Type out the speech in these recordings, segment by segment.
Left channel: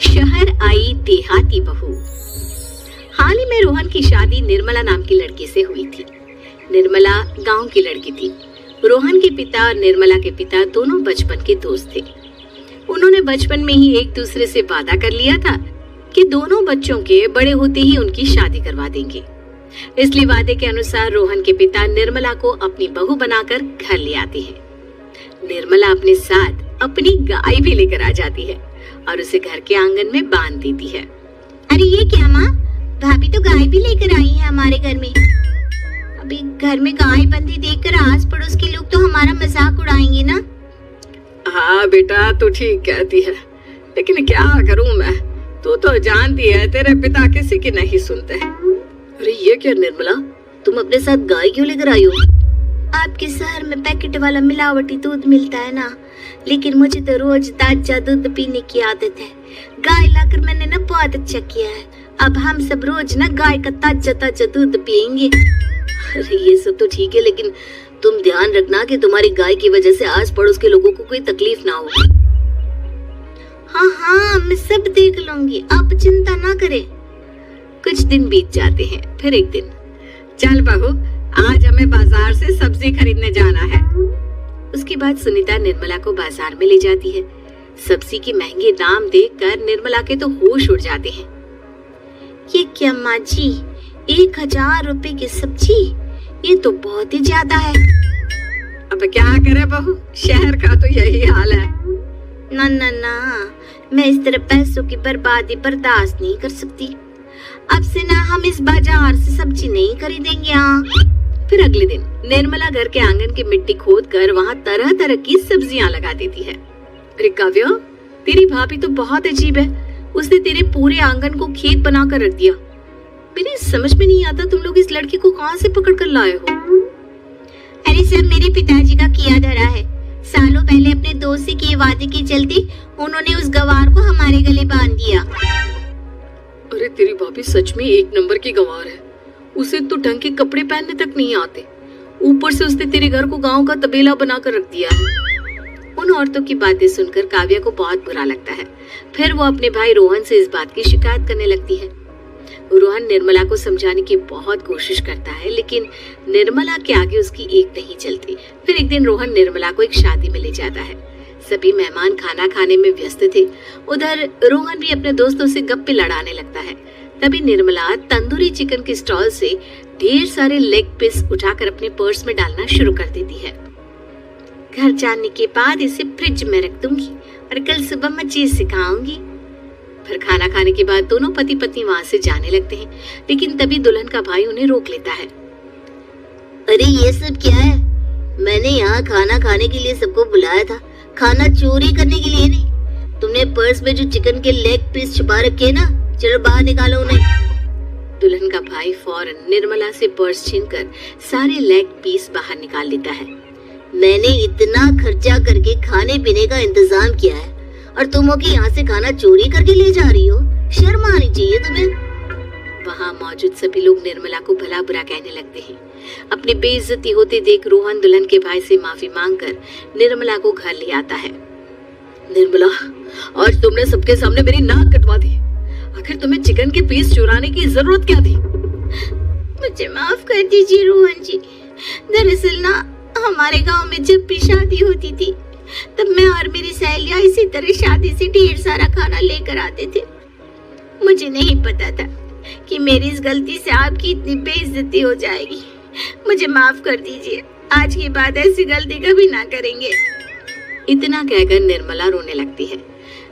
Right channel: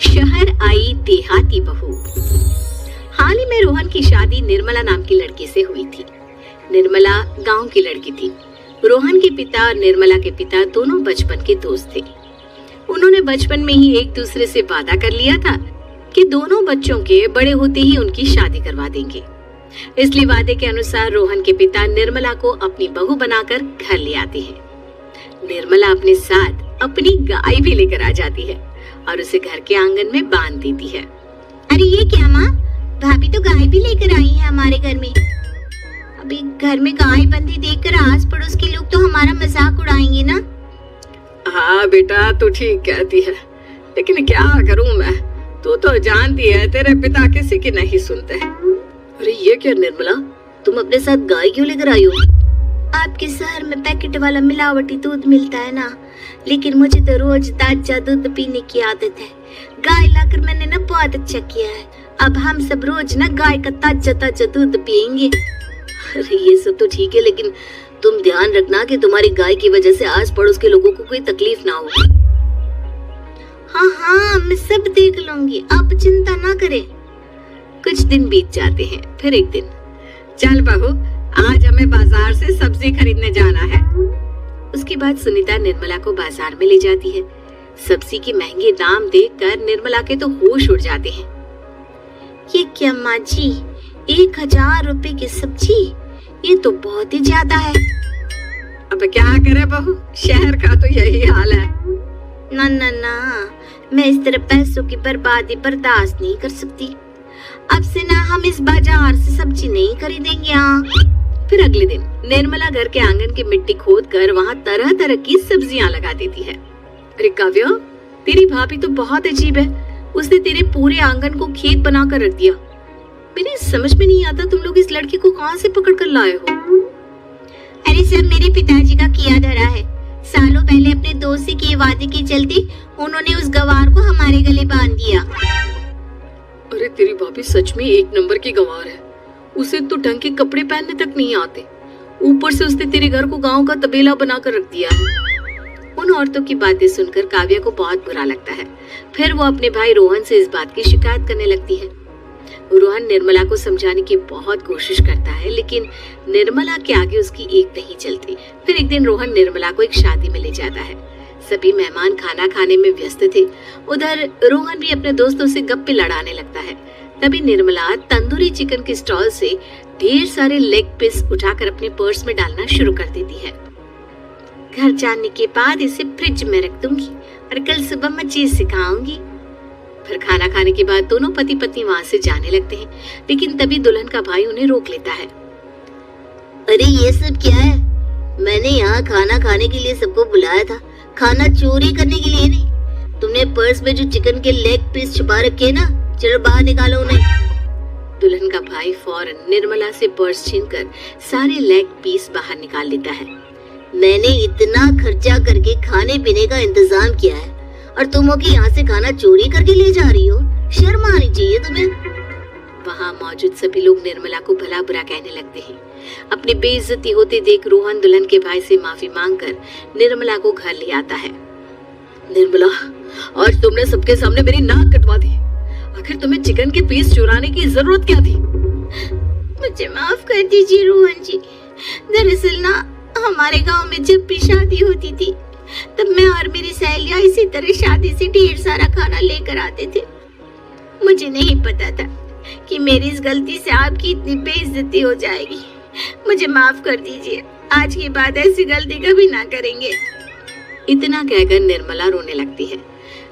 शहर आई देहाती बहू। हाल ही में रोहन की शादी निर्मला नाम की लड़की से हुई थी। निर्मला गांव की लड़की थी। रोहन के पिता और निर्मला के पिता दोनों बचपन के दोस्त थे। उन्होंने बचपन में ही एक दूसरे से वादा कर लिया था कि दोनों बच्चों के बड़े होते ही उनकी शादी करवा देंगे। इसलिए वादे के अनुसार रोहन के पिता निर्मला को अपनी बहू बनाकर घर ले आते हैं। निर्मला अपने साथ अपनी गाय भी लेकर आ जाती है और उसे घर के आंगन में बांध देती है। अरे ये क्या माँ, भाभी तो गाय भी लेकर आई है हमारे घर में। अभी घर में गाय बंधी देखकर आस पड़ोस के लोग तो हमारा मजाक उड़ाएंगे ना। हाँ बेटा, तू ठीक कहती है, लेकिन क्या करूं मैं, तू तो जानती है तेरे पिता किसी की नहीं सुनते। अरे ये क्या निर्मला, तुम अपने साथ गाय क्यों लेकर आई हो? आपके शहर में पैकेट वाला मिलावटी दूध मिलता है ना, लेकिन मुझे तो रोज ताजा दूध पीने की आदत है। गाय लाकर मैंने ना बहुत अच्छा किया है। अब हम सब रोज ना गाय का ताजा ताजा दूध पियेंगे। अरे ये सब तो ठीक है, लेकिन तुम ध्यान रखना कि तुम्हारी गाय की वजह से आस पड़ोस के लोगों को कोई तकलीफ ना हो। हाँ हाँ, मैं सब देख लूंगी, आप चिंता ना करें। कुछ दिन बीत जाते हैं। फिर एक दिन, चल बहू, आज हमें बाजार से सब्जी खरीदने जाना है। उसके बाद सुनीता निर्मला को बाजार में ले जाती है। सब्जी के महंगे दाम देखकर निर्मला के तो होश उड़ जाते हैं। ये क्या माँ जी, 1000 रुपए की सब्जी, ये तो बहुत ही ज्यादा है। अब क्या करे बहू, शहर का तो यही हाल है। ना ना ना, मैं इस तरह पैसों की बर्बादी बर्दाश्त नहीं कर सकती। अब से ना हम इस बाजार से सब्जी नहीं खरीदेंगे। यहाँ फिर अगले दिन निर्मला घर के आंगन की मिट्टी खोद कर वहाँ तरह तरह की सब्जियाँ लगा देती है। अरे काव्या, तेरी भाभी तो बहुत अजीब है, उसने तेरे पूरे आंगन को खेत बना कर रख दिया। मेरी समझ में नहीं आता तुम लोग इस लड़की को कहाँ से पकड़ कर लाए हो। अरे सब मेरे पिताजी का किया धरा है। सालों पहले अपने दोस्त से किए वादे के चलते उन्होंने उस गवार को हमारे गले बांध दिया। अरे तेरी भाभी सच में एक नंबर की गवार है। उसे तो ढंग के कपड़े पहनने तक नहीं आते, ऊपर से उसने तेरे घर को गांव का तबेला बनाकर रख दिया है। उन औरतों की बातें सुनकर काव्या को बहुत बुरा लगता है। फिर वो अपने भाई रोहन से इस बात की शिकायत करने लगती है। रोहन निर्मला को समझाने की बहुत कोशिश करता है, लेकिन निर्मला के आगे उसकी एक नहीं चलती। फिर एक दिन रोहन निर्मला को एक शादी में ले जाता है। सभी मेहमान खाना खाने में व्यस्त थे। उधर रोहन भी अपने दोस्तों से गप्पे लड़ाने लगता है। तभी निर्मला तंदूरी चिकन के स्टॉल से ढेर सारे लेग पीस उठाकर अपने पर्स में डालना शुरू कर देती है। घर जाने के बाद इसे फ्रिज में रख दूंगी और कल सुबह मैं चीज सिखाऊंगी। फिर खाना खाने के बाद दोनों पति पत्नी वहाँ से जाने लगते हैं, लेकिन तभी दुल्हन का भाई उन्हें रोक लेता है। अरे ये सब क्या है? मैंने यहाँ खाना खाने के लिए सबको बुलाया था, खाना चोरी करने के लिए नहीं। तुमने पर्स में जो चिकन के लेग पीस छुपा रखे ना, चलो बाहर निकालो उन्हें। दुल्हन का भाई फौरन निर्मला से पर्स छीनकर सारे लेग पीस बाहर निकाल लेता है। मैंने इतना खर्चा करके खाने पीने का इंतजाम किया है और तुम हो कि यहाँ से खाना चोरी करके ले जा रही हो? शर्म आनी चाहिए तुम्हें। वहाँ मौजूद सभी लोग निर्मला को भला बुरा कहने लगते हैं। अपनी बेइज्जती होते देख रोहन दुल्हन के भाई से माफी मांगकर निर्मला को घर ले आता है। निर्मला, आज तुमने सबके सामने मेरी नाक कटवा दी। आखिर तुम्हें चिकन के पीस चुराने की जरूरत क्या थी? मुझे माफ कर दीजिए रोहन जी। दरअसल ना, हमारे गांव में जब भी शादी होती थी तब मैं और मेरी सहेलियां इसी तरह शादी से ढेर सारा खाना लेकर आते थे। मुझे नहीं पता था कि मेरी इस गलती से आपकी इतनी बेइज्जती हो जाएगी। मुझे माफ कर दीजिए, आज के बाद ऐसी गलती कभी ना करेंगे। इतना कहकर निर्मला रोने लगती है।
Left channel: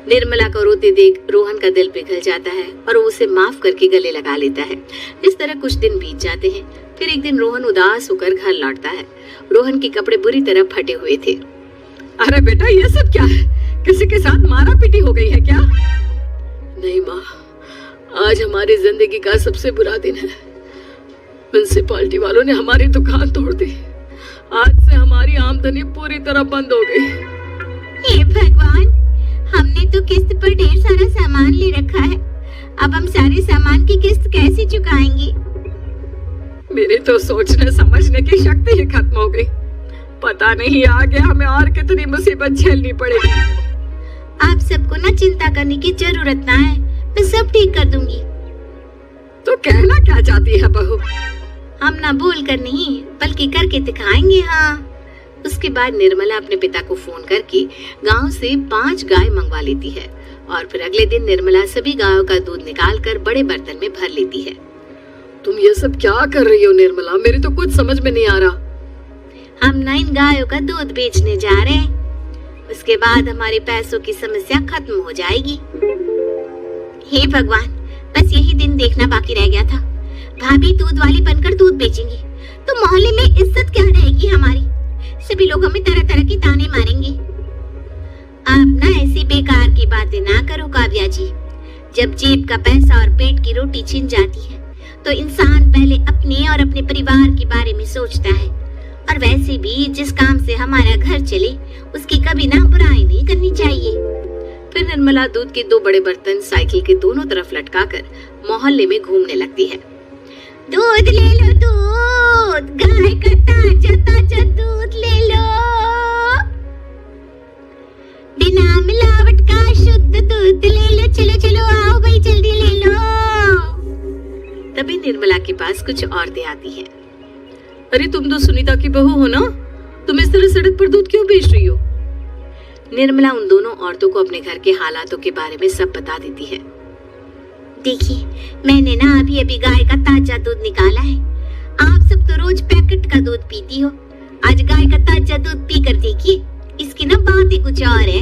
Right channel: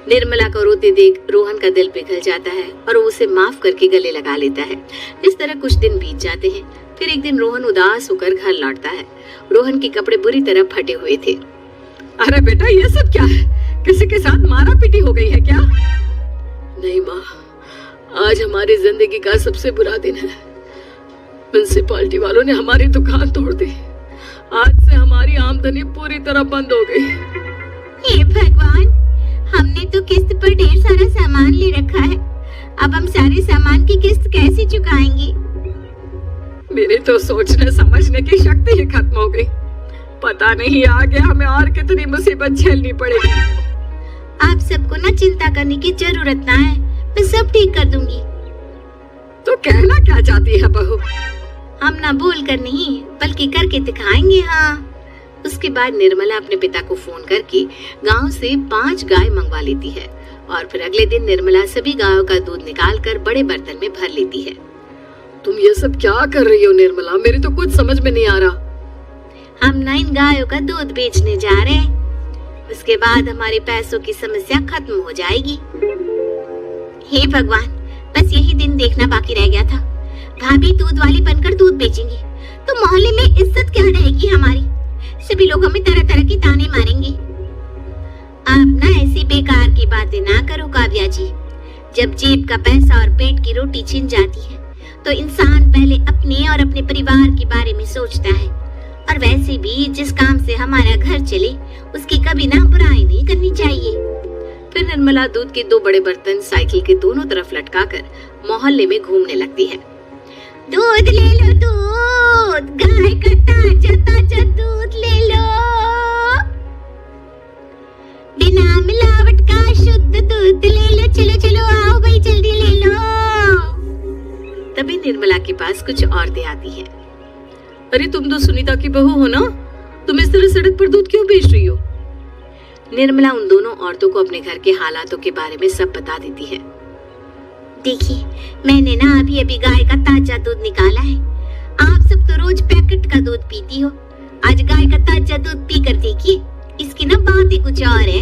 निर्मला को रोते देख रोहन का दिल पिघल जाता है और वो उसे माफ करके गले लगा लेता है। इस तरह कुछ दिन बीत जाते हैं। फिर एक दिन रोहन उदास होकर घर लौटता है। रोहन के कपड़े बुरी तरह फटे हुए थे। अरे बेटा, ये सब क्या है? किसी के साथ मारा पीटी हो गई है क्या? नहीं माँ, आज हमारी जिंदगी का सबसे बुरा दिन है। म्युनिसिपालिटी वालों ने हमारी दुकान तोड़ दी। आज से हमारी आमदनी पूरी तरह बंद हो गई। हे भगवान, हमने तो किस्त पर ढेर सारा सामान ले रखा है। अब हम सारे सामान की किस्त कैसे चुकाएंगे? मेरी तो सोचने समझने की शक्ति ही खत्म हो गई। पता नहीं आगे हमें और कितनी मुसीबत झेलनी पड़ेगी। आप सबको ना चिंता करने की जरूरत ना है, मैं सब ठीक कर दूंगी। तो कहना क्या चाहती है बहू? हम ना बोल कर नहीं बल्कि करके दिखाएंगे। हाँ। उसके बाद निर्मला अपने पिता को फोन करके गांव से 5 गाय मंगवा लेती है और फिर अगले दिन निर्मला सभी गायों का दूध निकाल कर बड़े बर्तन में भर लेती है। तुम ये सब क्या कर रही हो निर्मला? मेरी तो कुछ समझ में नहीं आ रहा। हम ना इन गायों का दूध बेचने जा रहे हैं, उसके बाद हमारे पैसों की समस्या खत्म हो जाएगी। हे भगवान, बस यही दिन देखना बाकी रह गया था। भाभी दूध वाली बनकर दूध बेचेंगी तो मोहल्ले में इज्जत क्या रहेगी हमारी? सभी लोग हमें तरह तरह की ताने मारेंगे। आप ना ऐसी बेकार की बातें ना करो काव्या जी। जब जेब का पैसा और पेट की रोटी छिन जाती है तो इंसान पहले अपने और अपने परिवार के बारे में सोचता है। और वैसे भी जिस काम से हमारा घर चले उसकी कभी ना बुराई नहीं करनी चाहिए। फिर निर्मला दूध के 2 बड़े बर्तन साइकिल के दोनों तरफ लटकाकर मोहल्ले में घूमने लगती है। दूध ले लो, दूध, गाय का ताजा ताजा दूध ले लो, बिना मिलावट का शुद्ध दूध ले लो। चलो चलो आओ भाई, जल्दी ले लो। तभी निर्मला के पास कुछ औरतें आती हैं। अरे तुम तो सुनीता की बहू हो ना? तुम इस तरह सड़क पर दूध क्यों बेच रही हो? निर्मला उन दोनों औरतों को अपने घर के हालातों के बारे में सब बता देती है। देखिए, मैंने ना अभी अभी गाय का ताजा दूध निकाला है। आप सब तो रोज पैकेट का दूध पीती हो, आज गाय का ताजा दूध पी कर देखिए, इसकी ना बात ही कुछ और है।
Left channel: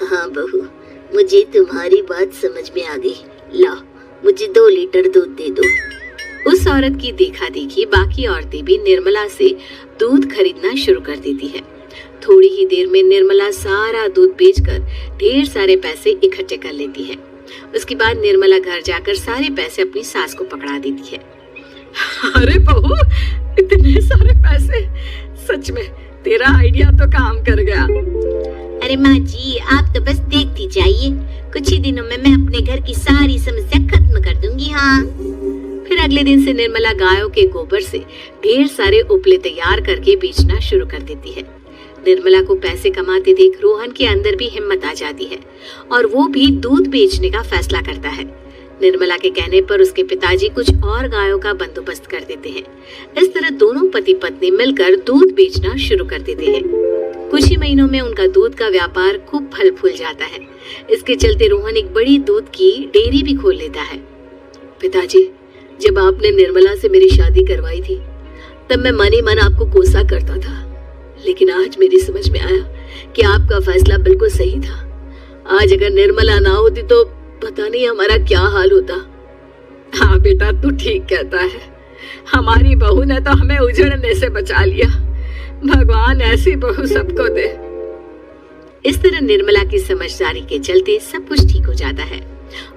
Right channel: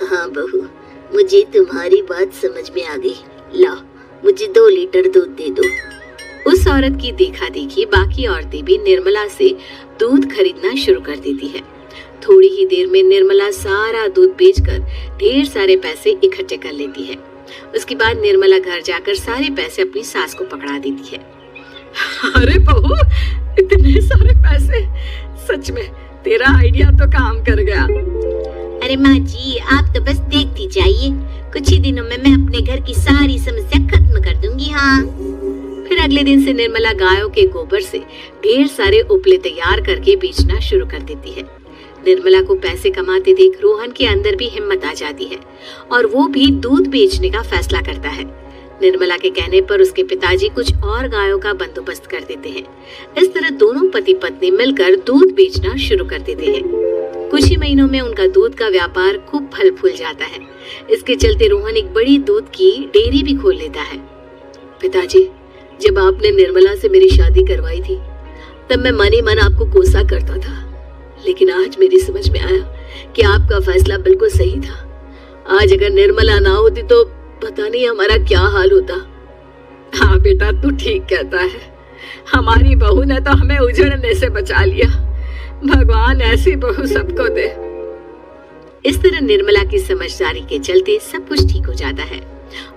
हाँ बहू, मुझे तुम्हारी बात समझ में आ गई। लो, मुझे 2 लीटर दूध दे दो। उस औरत की देखा देखी बाकी औरतें भी निर्मला से दूध खरीदना शुरू कर देती हैं। थोड़ी ही देर में निर्मला सारा दूध बेचकर ढेर सारे पैसे इकट्ठे कर लेती है। उसके बाद निर्मला घर जाकर सारे पैसे अपनी सास को पकड़ा देती है। अरे बहू, इतने सारे पैसे! सच में तेरा आइडिया तो काम कर गया। अरे माँ जी, आप तो बस देखती जाइए, कुछ ही दिनों में मैं अपने घर की सारी समस्या खत्म कर दूंगी। हाँ। फिर अगले दिन से निर्मला गायों के गोबर से ढेर सारे उपले तैयार करके बेचना शुरू कर देती है। निर्मला को पैसे कमाते देख रोहन के अंदर भी हिम्मत आ जाती है और वो भी दूध बेचने का फैसला करता है। निर्मला के कहने पर उसके पिताजी कुछ और गायों का बंदोबस्त कर देते हैं। इस तरह दोनों पति पत्नी मिलकर दूध बेचना शुरू कर देते हैं। कुछ ही महीनों में उनका दूध का व्यापार खूब फल फूल जाता है। इसके चलते रोहन एक बड़ी दूध की डेयरी भी खोल लेता है। पिताजी, जब आपने निर्मला से मेरी शादी करवाई थी तब मैं मन ही मन आपको कोसा करता था, लेकिन आज मेरी समझ में आया कि आपका फैसला बिल्कुल सही था। आज अगर निर्मला ना होती तो पता नहीं हमारा क्या हाल होता। हाँ बेटा, तू ठीक कहता है। हमारी बहू ने तो हमें उजड़ने से बचा लिया। भगवान ऐसी बहू सबको दे। इस तरह निर्मला की समझदारी के चलते सब कुछ ठीक हो जाता है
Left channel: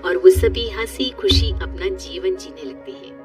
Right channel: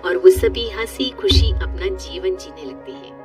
और वो सभी हंसी खुशी अपना जीवन जीने लगते हैं।